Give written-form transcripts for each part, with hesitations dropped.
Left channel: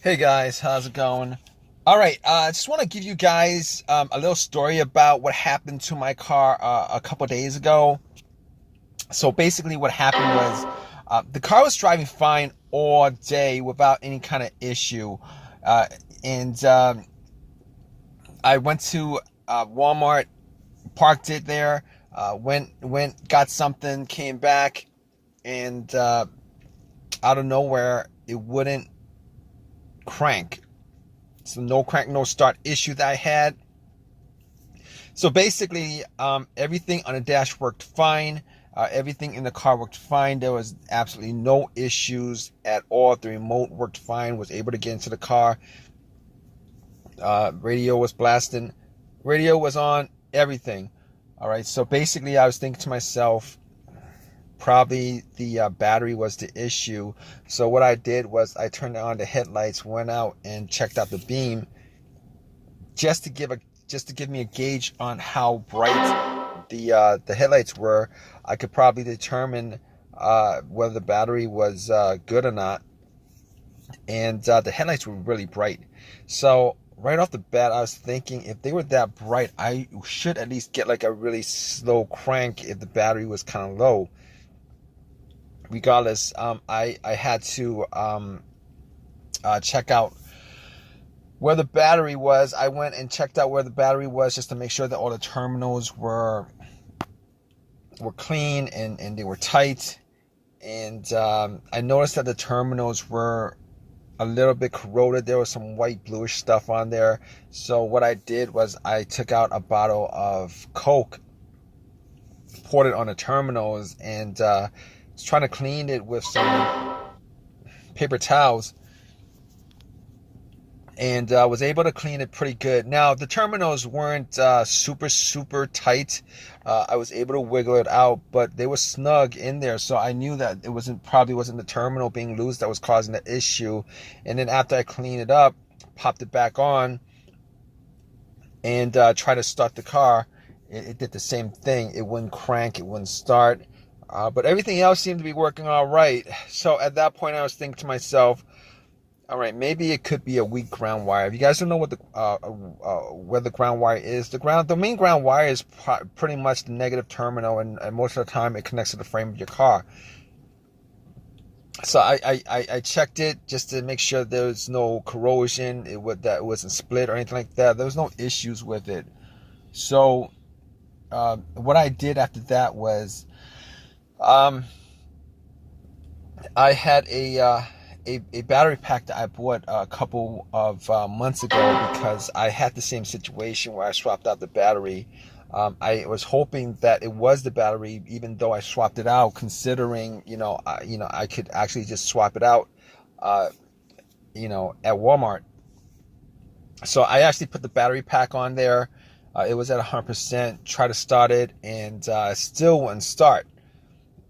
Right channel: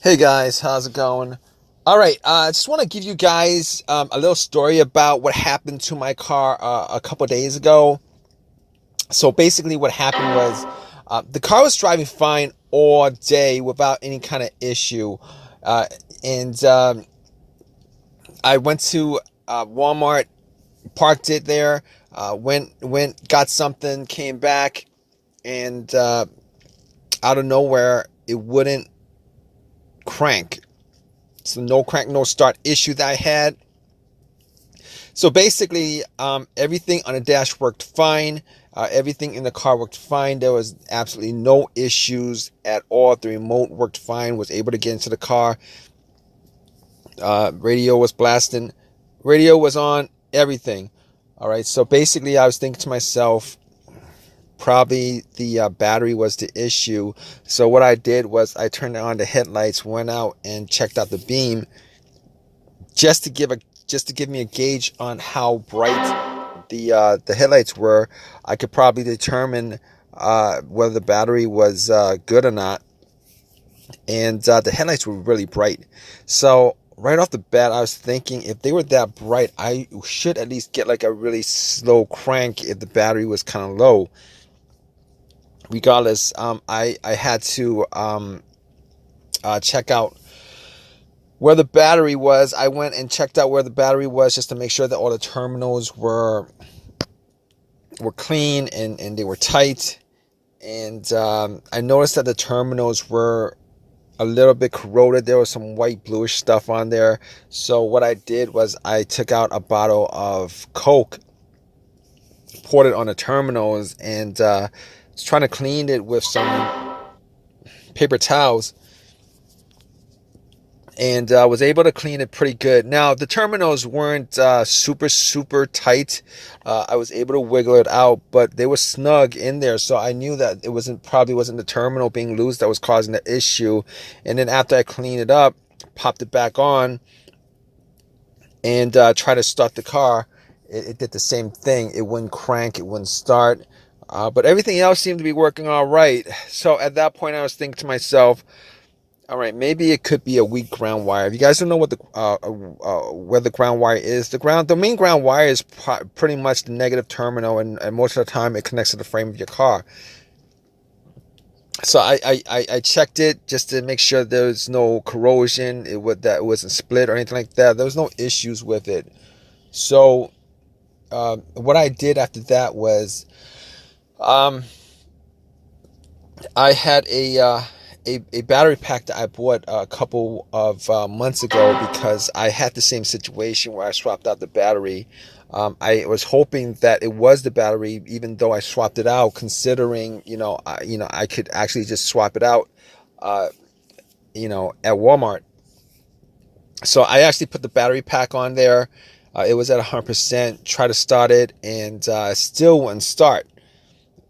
Hey guys, how's it going? All right, I just want to give you guys a little story about what happened to my car a couple days ago. So basically, what happened was the car was driving fine all day without any kind of issue, uh, and I went to Walmart, parked it there, got something, came back, and out of nowhere, it wouldn't crank. So no crank, no start issue that I had. So basically, everything on the dash worked fine. Everything in the car worked fine. There was absolutely no issues at all. The remote worked fine. Was able to get into the car. Radio was blasting. Radio was on. Everything. All right. So basically, I was thinking to myself, probably the battery was the issue. So what I did was I turned on the headlights, went out and checked out the beam, just to give me a gauge on how bright the headlights were. I could probably determine whether the battery was good or not. And the headlights were really bright. So right off the bat, I was thinking if they were that bright, I should at least get like a really slow crank if the battery was kind of low. Regardless, I had to check out where the battery was. I went and checked out where the battery was just to make sure that all the terminals were clean and they were tight. And I noticed that the terminals were a little bit corroded. There was some white bluish stuff on there. So what I did was I took out a bottle of Coke, poured it on the terminals, and was trying to clean it with some paper towels, and was able to clean it pretty good. Now the terminals weren't super tight. I was able to wiggle it out, but they were snug in there, so I knew that it probably wasn't the terminal being loose that was causing the issue. And then after I cleaned it up, popped it back on, and tried to start the car, it did the same thing. It wouldn't crank, it wouldn't start, but everything else seemed to be working all right. So at that point I was thinking to myself, all right, maybe it could be a weak ground wire. If you guys don't know what the where the ground wire is, the main ground wire is pretty much the negative terminal, and most of the time it connects to the frame of your car. So I checked it just to make sure there's no corrosion, that it wasn't split or anything like that. There was no issues with it. So what I did after that was I had a battery pack that I bought a couple of months ago, because I had the same situation where I swapped out the battery. I was hoping that it was the battery, even though I swapped it out, considering I could actually just swap it out, at Walmart. So I actually put the battery pack on there. It was at 100%. Try to start it, and still wouldn't start.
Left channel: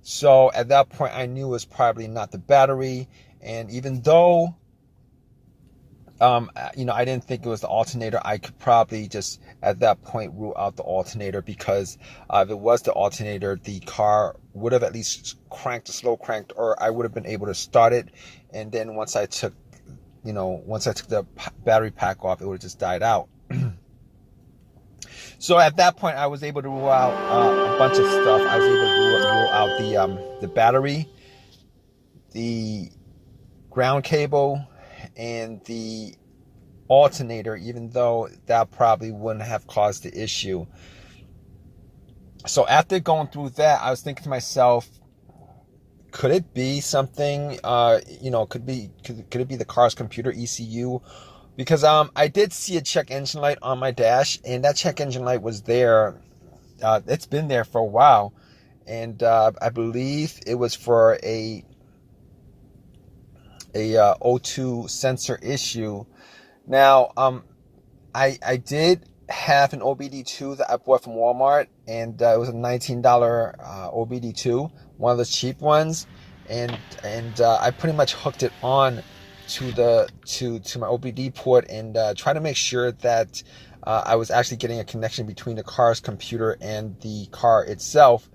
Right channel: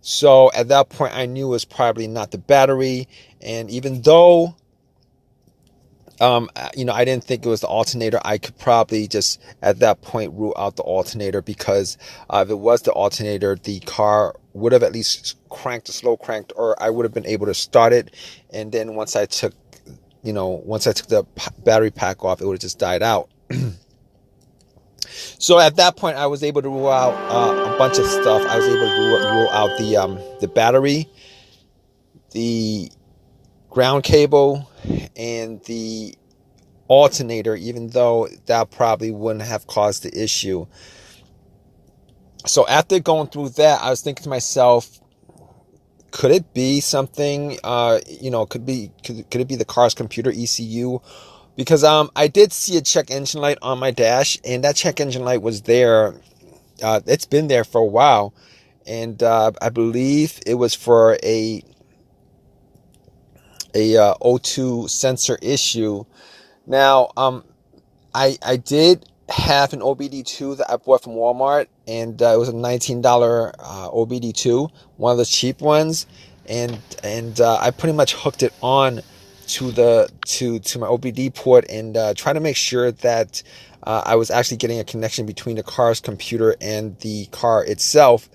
So at that point, I knew it was probably not the battery. And even though, I didn't think it was the alternator, I could probably just at that point rule out the alternator, because if it was the alternator, the car would have at least slow cranked, or I would have been able to start it. And then once I took the battery pack off, it would have just died out. So at that point, I was able to rule out a bunch of stuff. I was able to rule out the battery, the ground cable, and the alternator, even though that probably wouldn't have caused the issue. So after going through that, I was thinking to myself, could it be something, could it be the car's computer ECU? Because I did see a check engine light on my dash, and that check engine light was there. It's been there for a while, and I believe it was for a O2 sensor issue. Now, I did have an OBD2 that I bought from Walmart, and it was a $19 OBD2, one of those cheap ones, and I pretty much hooked it on to my OBD port, and tried to make sure that I was actually getting a connection between the car's computer and the car itself.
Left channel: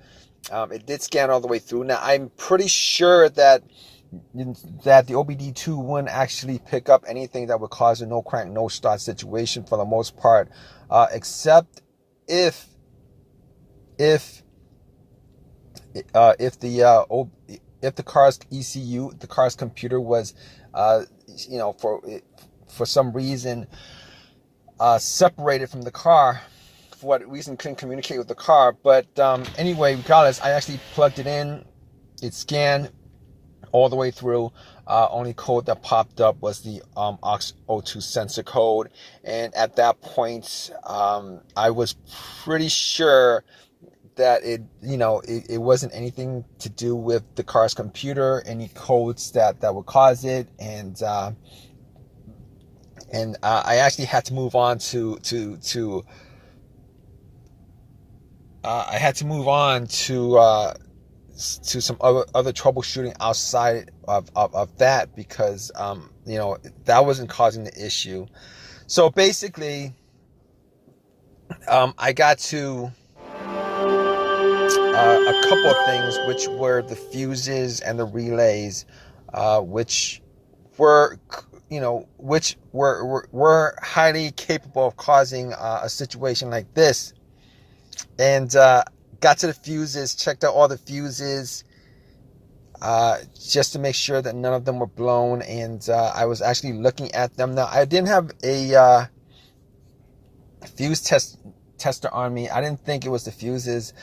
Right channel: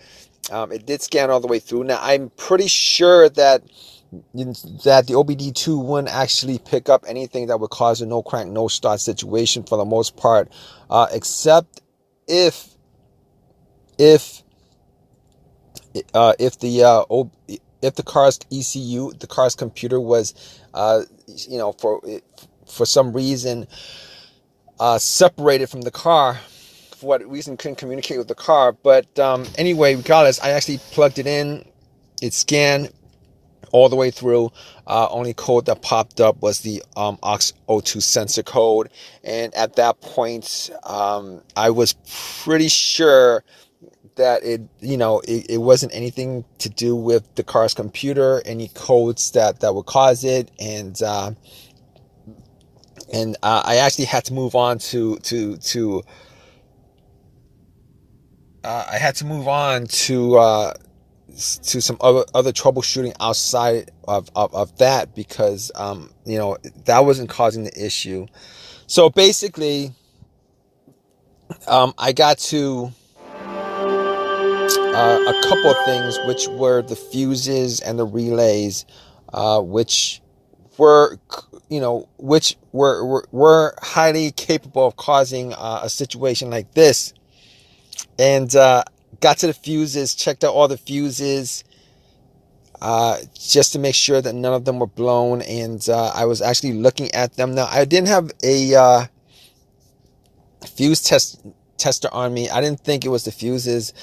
It did scan all the way through. Now, I'm pretty sure that that the OBD2 wouldn't actually pick up anything that would cause a no crank, no start situation for the most part, except if if if the car's ECU, the car's computer was, for some reason separated from the car. For what reason couldn't communicate with the car. But anyway, regardless, I actually plugged it in. It scanned all the way through. Only code that popped up was the aux02 sensor code, and at that point, I was pretty sure that it wasn't anything to do with the car's computer, any codes that would cause it, and I actually had to move on to I had to move on to some other troubleshooting outside of that, because that wasn't causing the issue. So basically, I got to a couple of things, which were the fuses and the relays, which were highly capable of causing a situation like this. And got to the fuses, checked out all the fuses, just to make sure that none of them were blown. And I was actually looking at them. Now, I didn't have a fuse tester on me. I didn't think it was the fuses.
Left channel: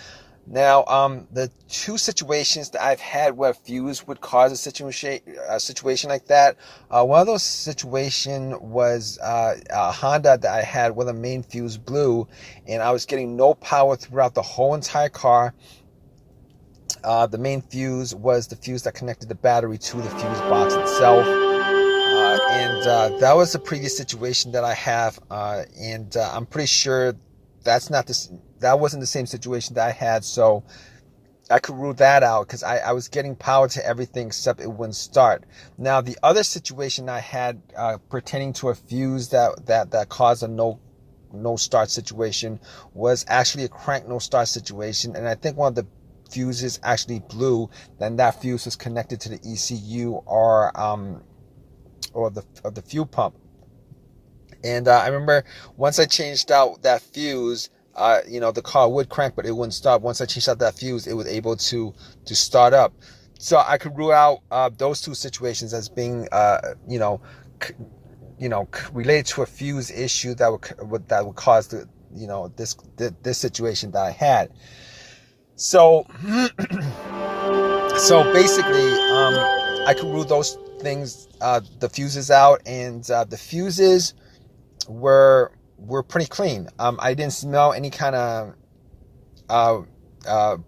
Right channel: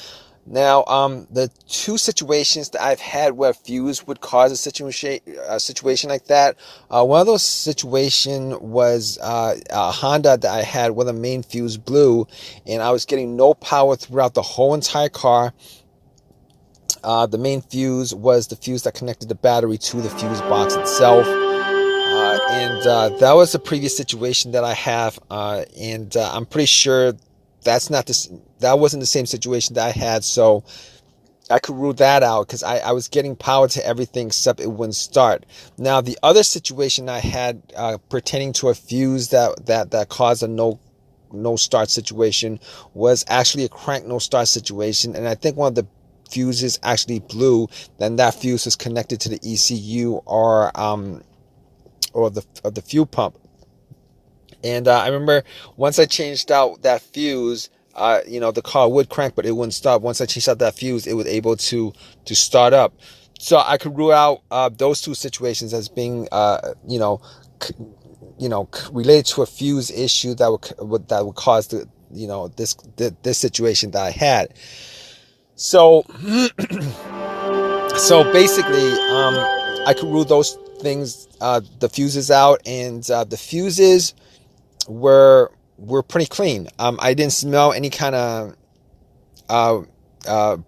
Now, the two situations that I've had where fuse would cause a situation like that, one of those situations was a Honda that I had where the main fuse blew, and I was getting no power throughout the whole entire car. The main fuse was the fuse that connected the battery to the fuse box itself. And that was the previous situation that I have, and I'm pretty sure that wasn't the same situation that I had, so I could rule that out, because I was getting power to everything except it wouldn't start. Now, the other situation I had pertaining to a fuse that caused a no start situation was actually a crank no start situation, and I think one of the fuses actually blew. Then that fuse was connected to the ECU or the fuel pump. And I remember once I changed out that fuse, the car would crank, but it wouldn't stop. Once I changed out that fuse, it was able to start up. So I could rule out those two situations as being, related to a fuse issue that would cause this situation that I had. So, so basically, I could rule those things, the fuses out, and the fuses were pretty clean. I didn't smell any kind of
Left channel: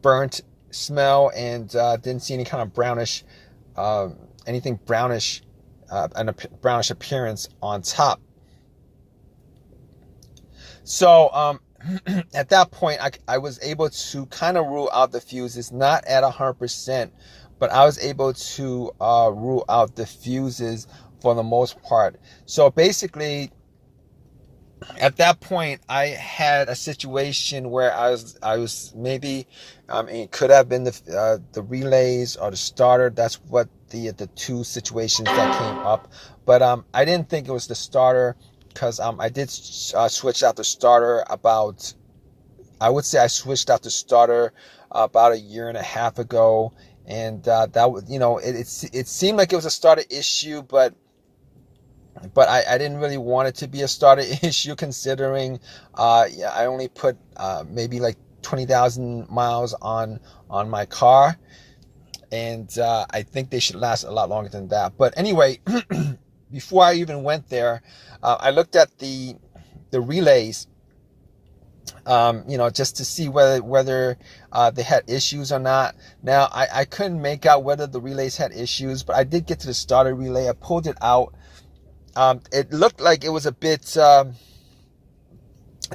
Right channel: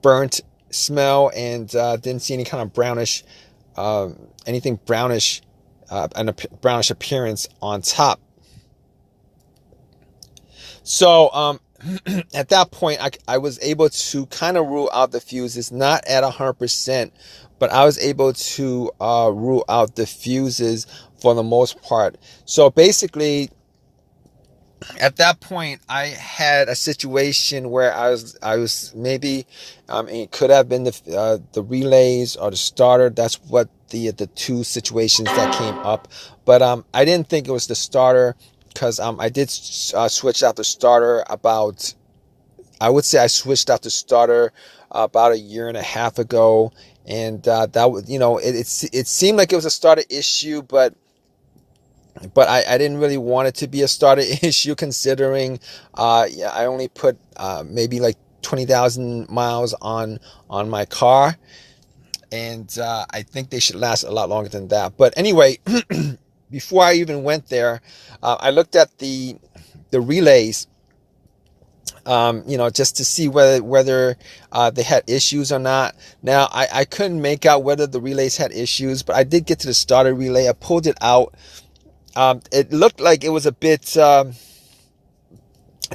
burnt smell, and didn't see any kind of brownish, anything brownish, and a brownish appearance on top. So at that point, I was able to kind of rule out the fuses, not at 100%, but I was able to rule out the fuses for the most part. So basically, at that point, I had a situation where I was maybe, it could have been the relays or the starter. That's what the two situations that came up. But I didn't think it was the starter, because I did switch out the starter about, I would say I switched out the starter about a year and a half ago, and that was, it seemed like it was a starter issue, but I didn't really want it to be a starter issue, considering I only put maybe like 20,000 miles on my car, and I think they should last a lot longer than that. But anyway, before I even went there, I looked at the relays, just to see whether they had issues or not. Now, I couldn't make out whether the relays had issues, but I did get to the starter relay. I pulled it out. It looked like it was a bit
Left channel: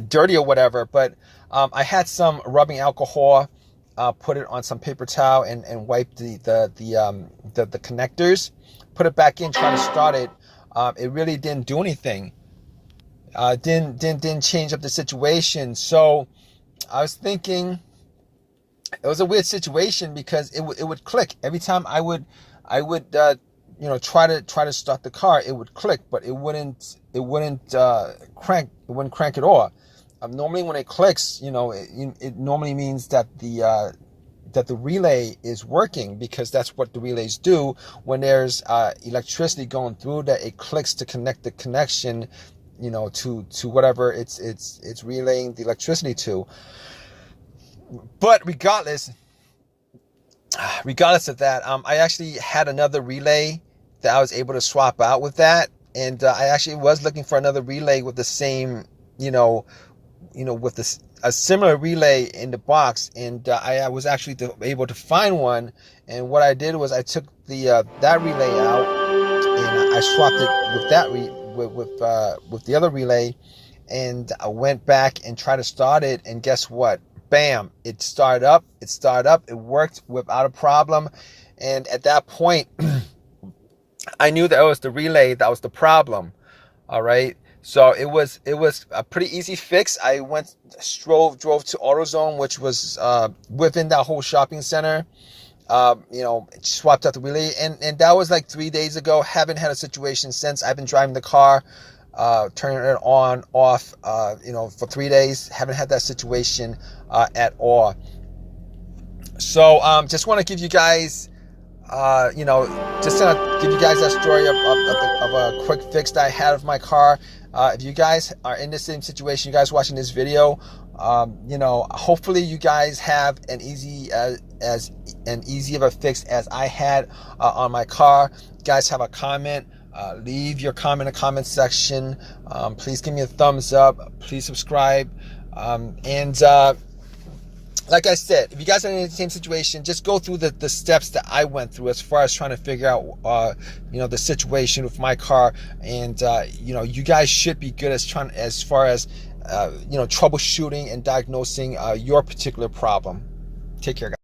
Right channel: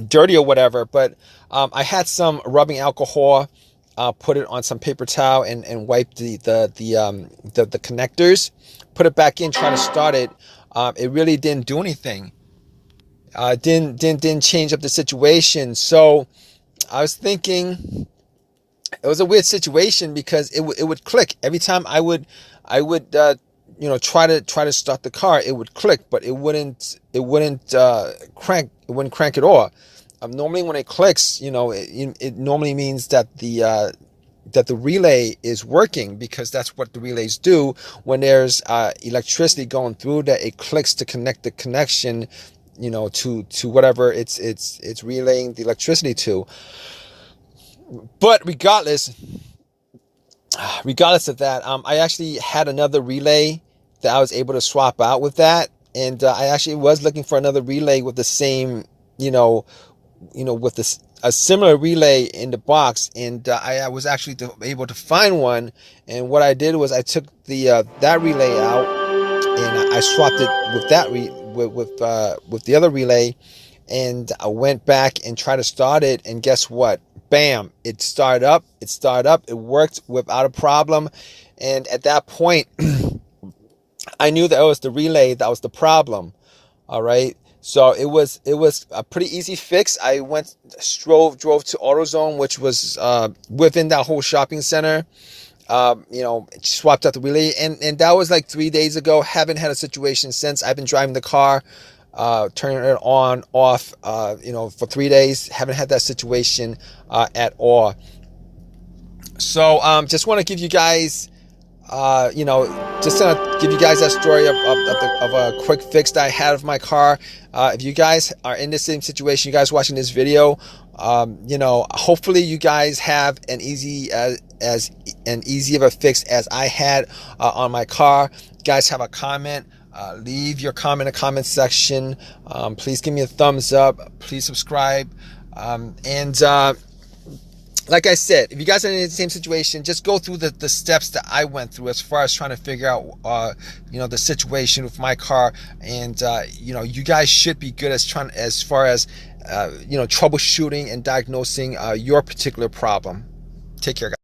dirty or whatever, but I had some rubbing alcohol, put it on some paper towel, and wiped the connectors, put it back in, trying to start it. It really didn't do anything. Didn't change up the situation. So I was thinking, it was a weird situation because it would click every time I would try to start the car. It would click, but it wouldn't crank at all. Normally when it clicks, it normally means that the relay is working, because that's what the relays do when there's electricity going through, that it clicks to connect the connection, to whatever it's relaying the electricity to. But regardless of that, I actually had another relay that I was able to swap out with that, and I actually was looking for another relay with the same, with this a similar relay in the box, and I was actually able to find one. And what I did was I took the that relay out, and I swapped it with that with the other relay, and I went back and tried to start it, and guess what? Bam! It started up. It worked without a problem. And at that point, I knew that it was the relay that was the problem. All right. So it was a pretty easy fix. I drove to AutoZone, which was within that whole shopping center. Swapped out the relay, and that was like 3 days ago. Haven't had a situation since. I've been driving the car, turning it on, off, for 3 days. Haven't had that situation at all. So just want to give you guys, just to give you guys that story of a quick fix that I had of my car. If you guys are in the same situation, you guys watching this video, hopefully you guys have an easy of a fix as I had on my car. You guys have a comment, leave your comment in the comment section. Please give me a thumbs up. Please subscribe. Like I said, if you guys are in the same situation, just go through the steps that I went through as far as trying to figure out, the situation with my car. And, you guys should be good as far as troubleshooting and diagnosing your particular problem. Take care, guys.